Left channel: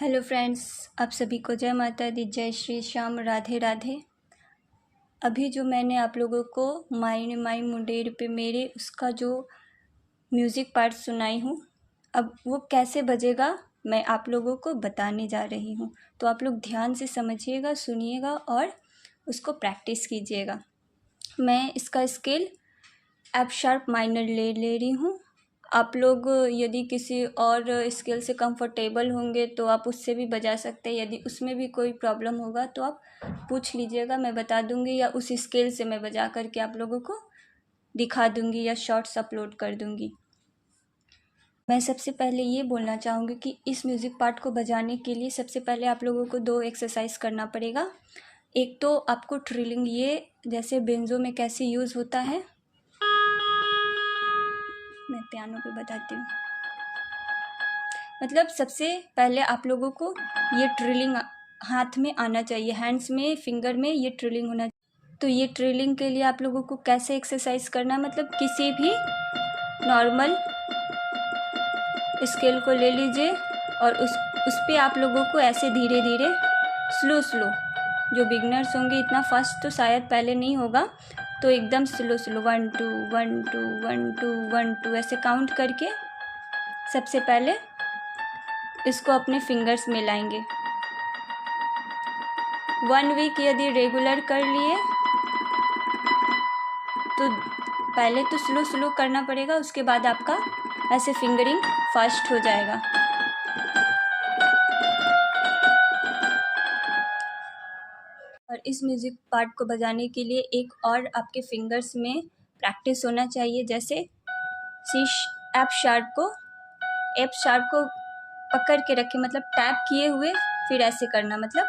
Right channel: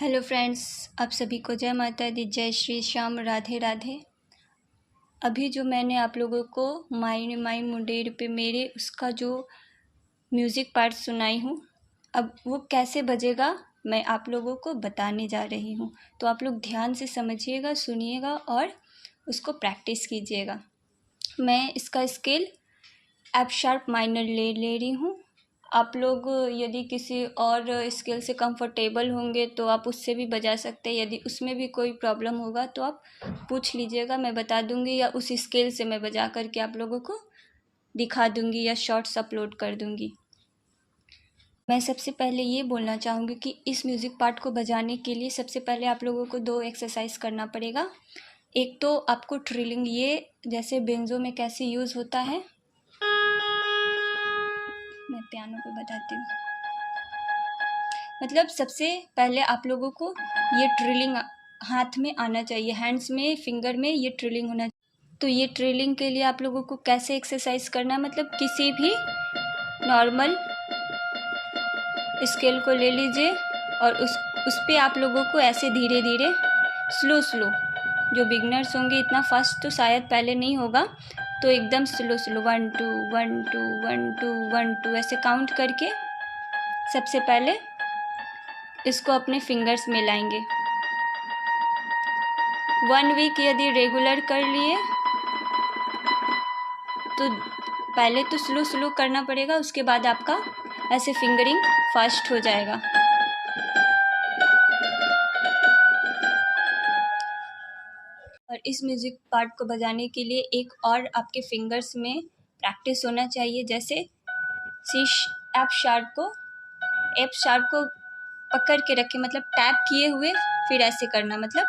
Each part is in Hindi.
हेलो फ्रेंड्स, आप सभी को जय माता दी, जय श्री श्याम, राधे राधे। अभी जो मैंने आप लोगों को माई माई मुंडेर पे मेरे उसका जो म्यूज़िक पार्ट सुनाई हूँ, अब वो कैसे बजेगा मैं आप लोगों को बताने जा रही हूँ। तो आप लोग ध्यान से समझिएगा, सुनिएगा और उसको प्रैक्टिस कीजिएगा। मैं इसका स्केल एफ शार्प माइनर ले रही हूँ। आप लोग यदि किसी और स्केल से कंफर्टेबल होंगे तो आप उससे भी बजा सकते हैं। यदि उसमें भी कोई प्रॉब्लम होगा तो आप पूछ लीजिएगा, मैं बता दूंगी, या उस स्केल से मैं बजा करके आप लोगों को दिखा दूंगी या शॉर्ट्स अपलोड कर दूंगी। मैं सबसे पहले ये बोलना चाहूँगी कि इस म्यूज़िक पार्ट को बजाने के लिए सबसे पहले आप लोगों को 2 एक्सरसाइज करना पड़ेगा। एक तो आपको ट्रिलिंग, ये जैसे बेंजो में कैसे यूज़ होता है, मैं पियानो पे बताती हूँ। मतलब सबसे पहले आप लोगों को ये ट्रिलिंग हाथ में आना चाहिए, हैंड्स में, फिंगर में ये ट्रिलिंग होना चाहिए। तो ये ट्रिलिंग के लिए आप लोगों को कैसे एक्सरसाइज करना है, मतलब किसी भी नॉर्मल स्केल को ले लीजिए और उस पर आप लोगों को ऐसे धीरे धीरे स्लो, जो बिगनर्स होंगे इतना फास्ट तो शायद पहले नहीं होगा, तो एकदम स्लो 1 2 1 2 1 2 1 2 ऐसे काउंट करके सबसे पहले इसको अपने फिंगर्स में लाएंगे। 1 वीक यदि रेगुलर कर लिए तो पहले तो स्लो करना पड़ेगा, उसके बाद आपका ऐसे फिंगरिंग फास्ट हो जाएगा। और इस म्यूज़िक पार्ट को बजाने के लिए एक और आपके फिंगर्स में प्रैक्टिस होना चाहिए। जैसे एफ शार्प को पकड़ के रखे, मतलब टैप किए हुए फिर ऐसे करना, मतलब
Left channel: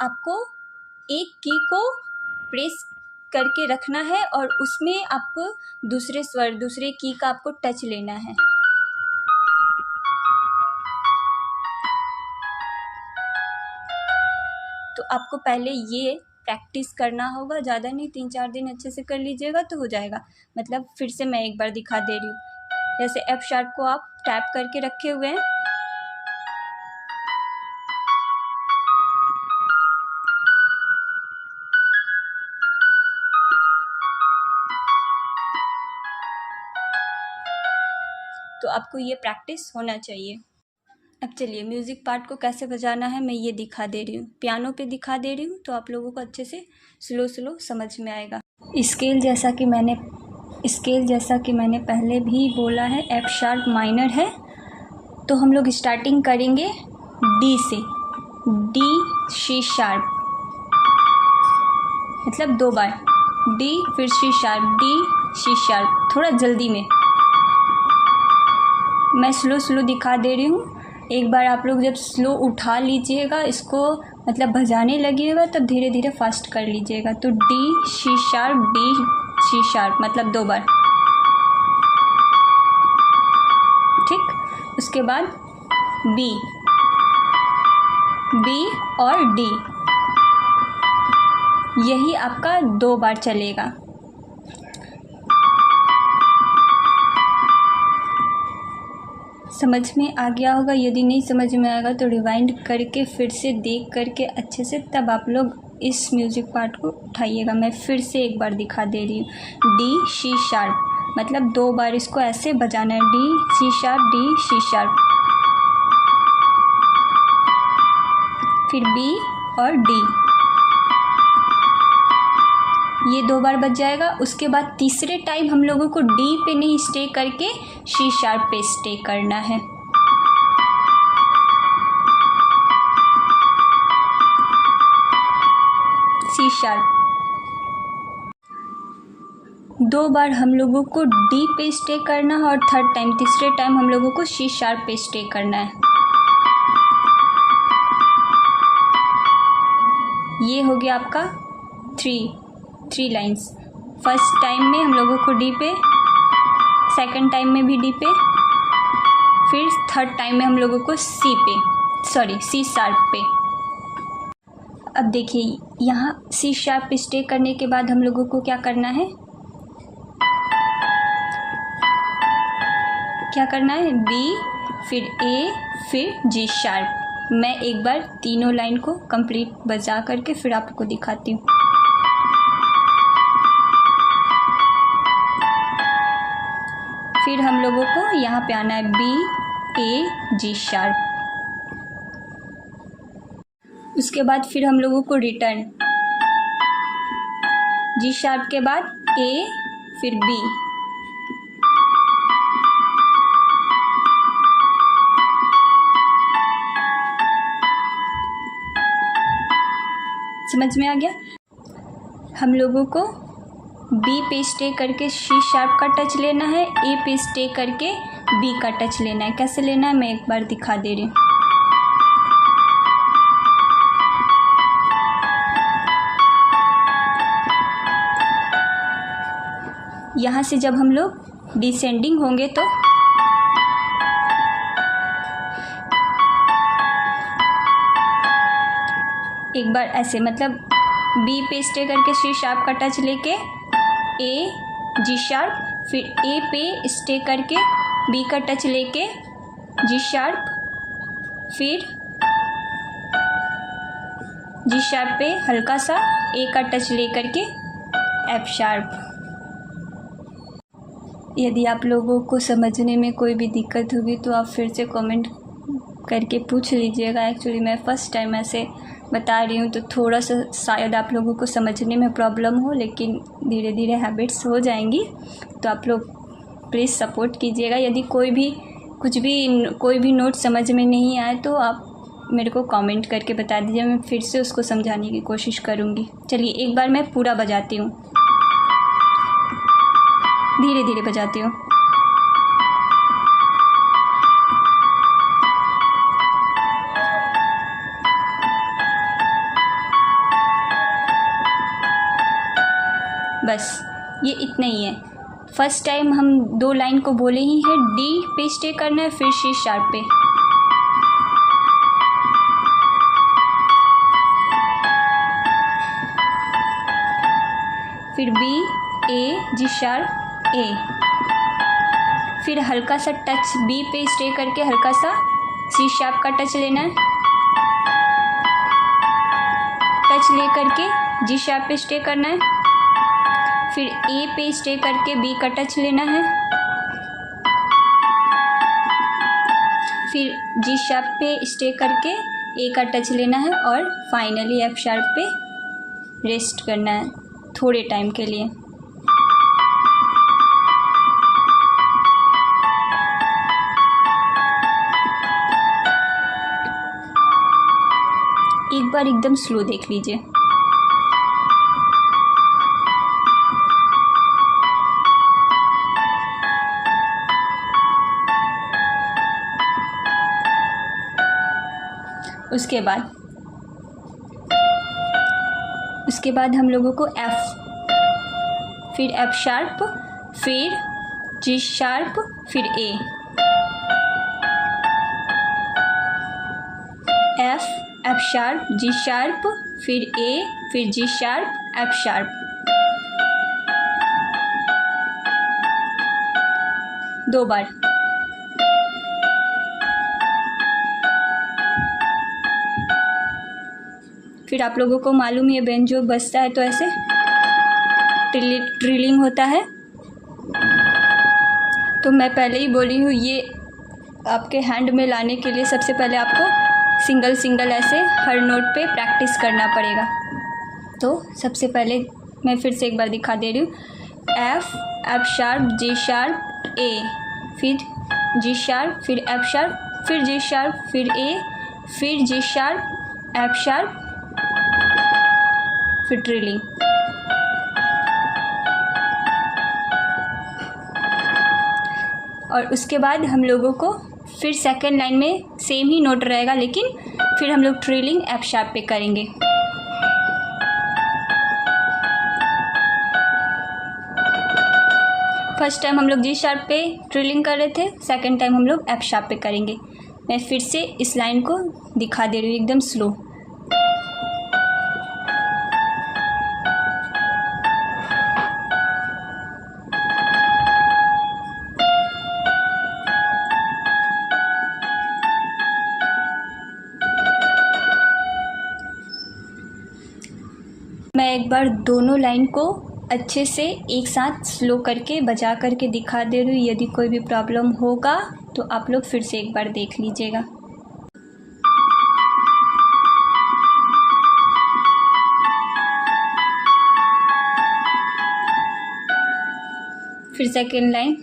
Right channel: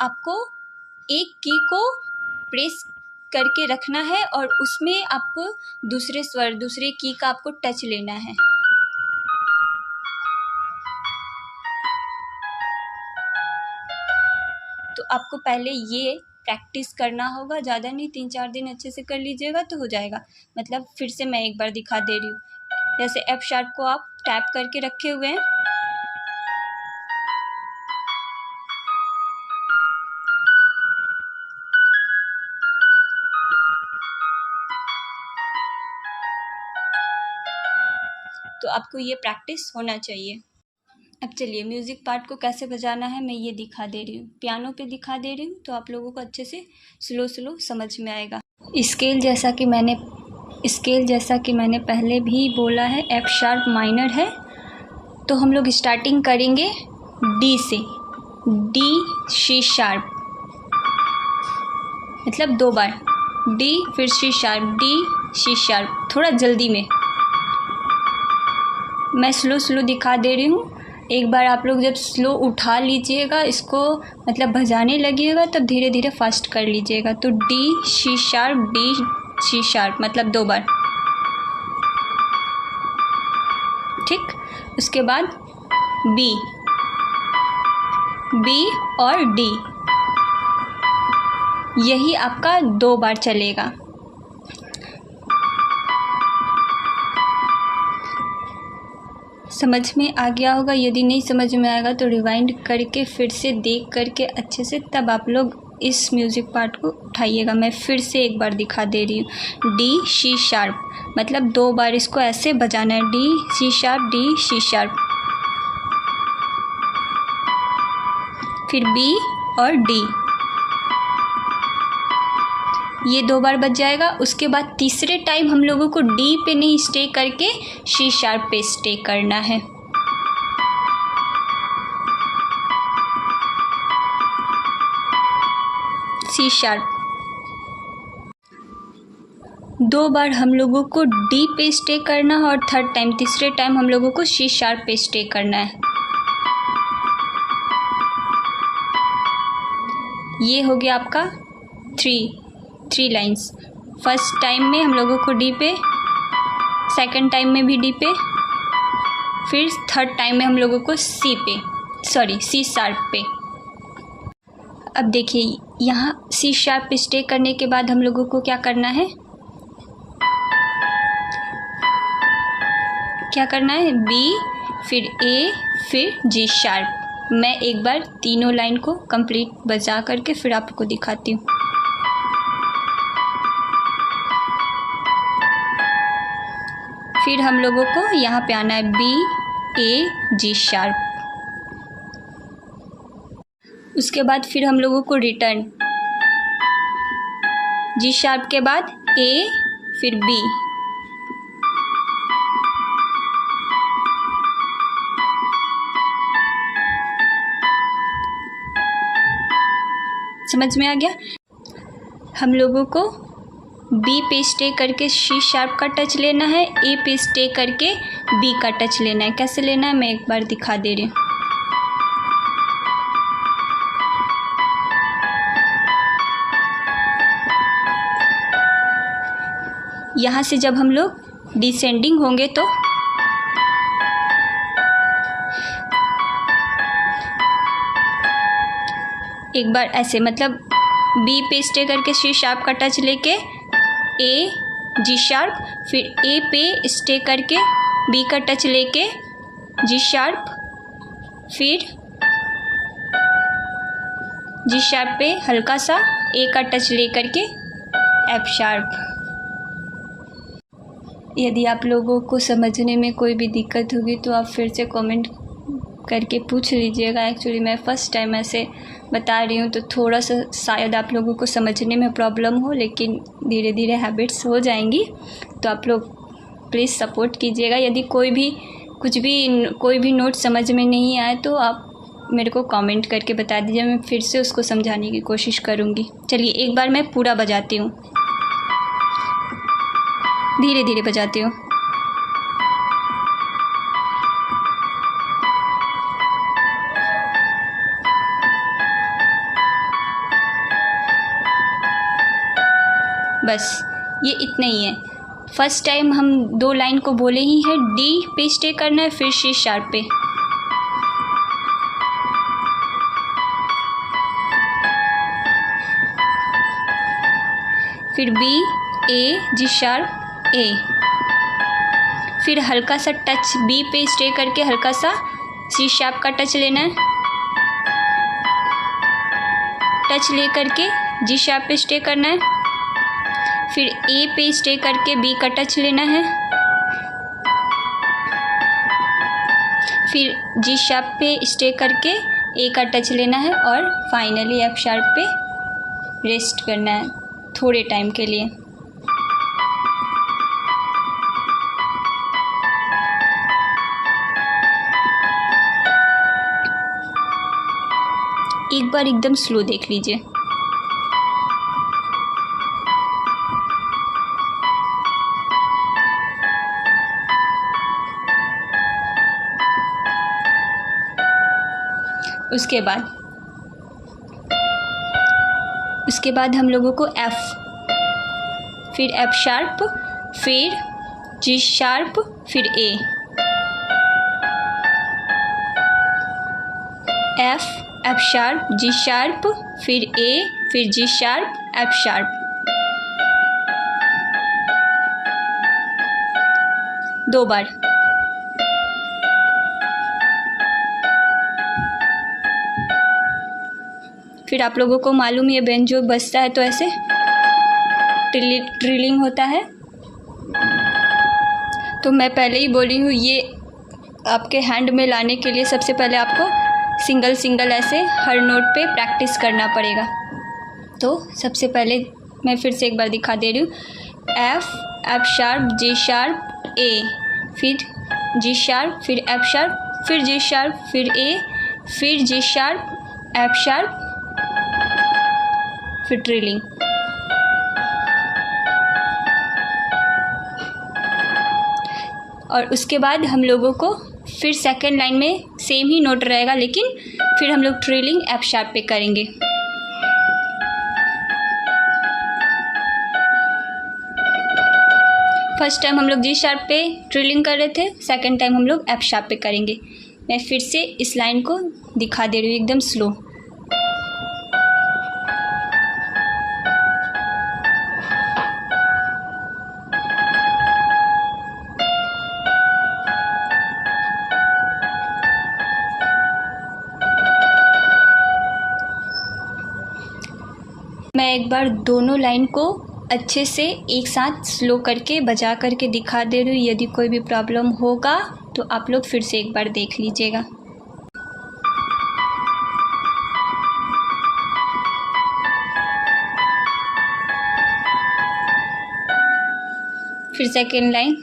आपको एक की को प्रेस करके रखना है और उसमें आपको दूसरे की का आपको टच लेना है। तो आपको पहले ये प्रैक्टिस करना होगा, ज़्यादा नहीं, 3-4 दिन अच्छे से कर लीजिएगा तो हो जाएगा। मतलब फिर से मैं एक बार दिखा दे रही हूँ। जैसे एफ शार्प को आप टैप करके रखे हुए हैं, तो आपको ये प्रैक्टिस होना चाहिए। अब चलिए म्यूज़िक पार्ट को कैसे बजाना है मैं ये दिखा दे रही हूँ, पियानो पे दिखा दे रही हूँ, तो आप लोगों को अच्छे से स्लो समझ में आएगा। स्केल जैसा कि मैंने पहले भी बोला है, एफ शार्प माइनर है। तो हम लोग स्टार्टिंग करेंगे डी से, डी सी शार्प, मतलब 2 बार डी फिर C sharp, D C sharp, थोड़ा जल्दी में मैं स्लो दिखा दे रही हूँ। एक बार आप लोग जब स्लो उठा लीजिएगा, इसको मतलब बजाने लगिएगा, तब धीरे धीरे फास्ट कर लीजिएगा। तो D C sharp, D C sharp, मतलब 2 बार, ठीक। उसके बाद बी और डी, यही आपका 2 बार चलेगा। समझ में आ गया होगा, यदि नहीं समझ में आएगा तो रिवाइंड करके फिर से देख करके अच्छे से तब आप लोग इस म्यूज़िक पार्ट को उठाइएगा। मैं फिर से एक बार दिखा दे रही हूँ, डी सी शार्प, मतलब 2 बार इसको ऐसे बजाना है, D C sharp, D C sharp, फिर बी और डी, ये 2 बार बज जाएगा। उसके बाद तीसरे टाइम हम लोगों को डी पे नहीं स्टे करके सी शार्प पे स्टे करना है। सी शार्प 2 बार हम लोगों को डी पे स्टे करना है और तीसरे टाइम हम लोगों को सी शार्प पे स्टे करना है। ये हो गया आपका 3 लाइंस। फर्स्ट टाइम में हम लोगों को डी पे, सेकंड टाइम में भी डी पे, फिर थर्ड टाइम में हम लोगों को सी शार्प पे। अब देखिए यहाँ सी शार्प पे स्टे करने के बाद हम लोगों को क्या करना है, क्या करना है, बी, फिर ए, फिर जी शार्प। मैं एक बार तीनों लाइन को कंप्लीट बजा करके फिर आपको दिखाती हूँ। फिर हम लोगों को यहाँ पे आना है बी, ए, जी शार्प। उसके बाद फिर हम लोगों को रिटर्न जी शार्प के बाद ए, फिर बी, समझ में आ गया। हम लोगों को बी पे स्टे करके सी शार्प का टच लेना है, ए पे स्टे करके बी का टच लेना है। कैसे लेना है मैं एक बार दिखा दे रही हूँ। यहाँ से जब हम लोग डिसेंडिंग होंगे तो एक बार ऐसे, मतलब बी पे स्टे करके सी शार्प का टच लेके ए, जी शार्प, फिर ए पे स्टे करके बी का टच लेके जी शार्प, फिर जी शार्प पे हल्का सा ए का टच ले करके एफ शार्प। यदि आप लोगों को समझने में कोई भी दिक्कत होगी तो आप फिर से कमेंट करके पूछ लीजिएगा। एक्चुअली मैं फ़र्स्ट टाइम ऐसे बता रही हूँ तो थोड़ा सा शायद आप लोगों को समझने में प्रॉब्लम हो, लेकिन धीरे धीरे हैबिट्स हो जाएंगी। तो आप लोग प्लीज़ सपोर्ट कीजिएगा। यदि कोई भी नोट समझ में नहीं आए तो आप मेरे को कमेंट करके बता दीजिए, मैं फिर से उसको समझाने की कोशिश करूँगी। चलिए एक बार मैं पूरा बजाती हूँ, धीरे धीरे बजाती हूँ। बस ये इतना ही है। फर्स्ट टाइम हम 2 लाइन को बोले ही हैं, डी पे स्टे करना है, फिर सी शार्प पे, फिर बी, ए, जी शार्प, ए, फिर हल्का सा टच बी पे स्टे करके हल्का सा सी शार्प का टच लेना है, टच ले करके जी शार्प पे स्टे करना है, फिर ए पे स्टे करके बी का टच लेना है, फिर जी शार्प पे स्टे करके ए का टच लेना है और फाइनली एफ शार्प पे रेस्ट करना है थोड़े टाइम के लिए। एक बार एकदम स्लो देख लीजिए। उसके बाद हम लोगों को एफ, फिर एफ शार्प, फिर जी शार्प, फिर ए, एफ शार्प, जी शार्प, फिर ए, फिर जी शार्प, एफ शार्प, 2 बार। फिर आप लोगों को मालूम है बेंजो बजता है तो ऐसे ट्रिलिंग होता है। तो मैं पहले ही बोली हूँ, ये आपके हैंड में लाने के लिए सबसे पहले आपको सिंगल सिंगल ऐसे हर नोट पे प्रैक्टिस करना पड़ेगा। तो सबसे पहले मैं फिर से एक बार दिखा दे रही हूँ, एफ शार्प, जी शार्प, ए, फिर जी शार्प, फिर एफ शार्प, फिर जी शार्प, फिर ए, फिर जी शार्प, एफ शार्प, फिर ट्रिलिंग। और उसके बाद हम लोगों को फिर सेकंड लाइन में सेम ही नोट रहेगा, लेकिन फिर हम लोग ट्रिलिंग एफ शार्प पे करेंगे। फर्स्ट टाइम हम लोग जी शार्प पे ट्रिलिंग कर रहे थे, सेकंड टाइम हम लोग एफ शार्प पे करेंगे। मैं फिर से इस लाइन को दिखा दे रही हूँ एकदम स्लो। मैं एक बार दोनों लाइन को अच्छे से एक साथ स्लो करके बजा करके दिखा दे रही हूँ। यदि कोई भी प्रॉब्लम होगा तो आप लोग फिर से एक बार देख लीजिएगा। फिर second line.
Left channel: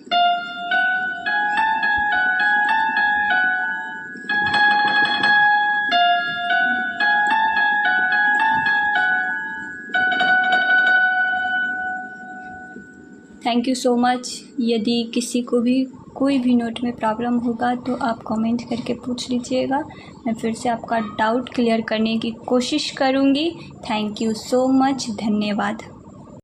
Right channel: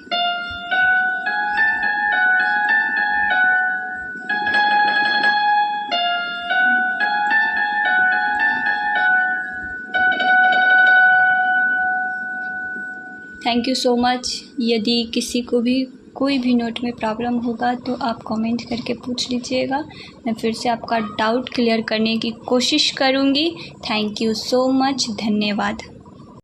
Thank you so much. यदि किसी को भी कोई भी नोट में प्रॉब्लम होगा तो आप कमेंट करके पूछ लीजिएगा। मैं फिर से आपका डाउट क्लियर करने की कोशिश करूँगी। Thank you so much. धन्यवाद।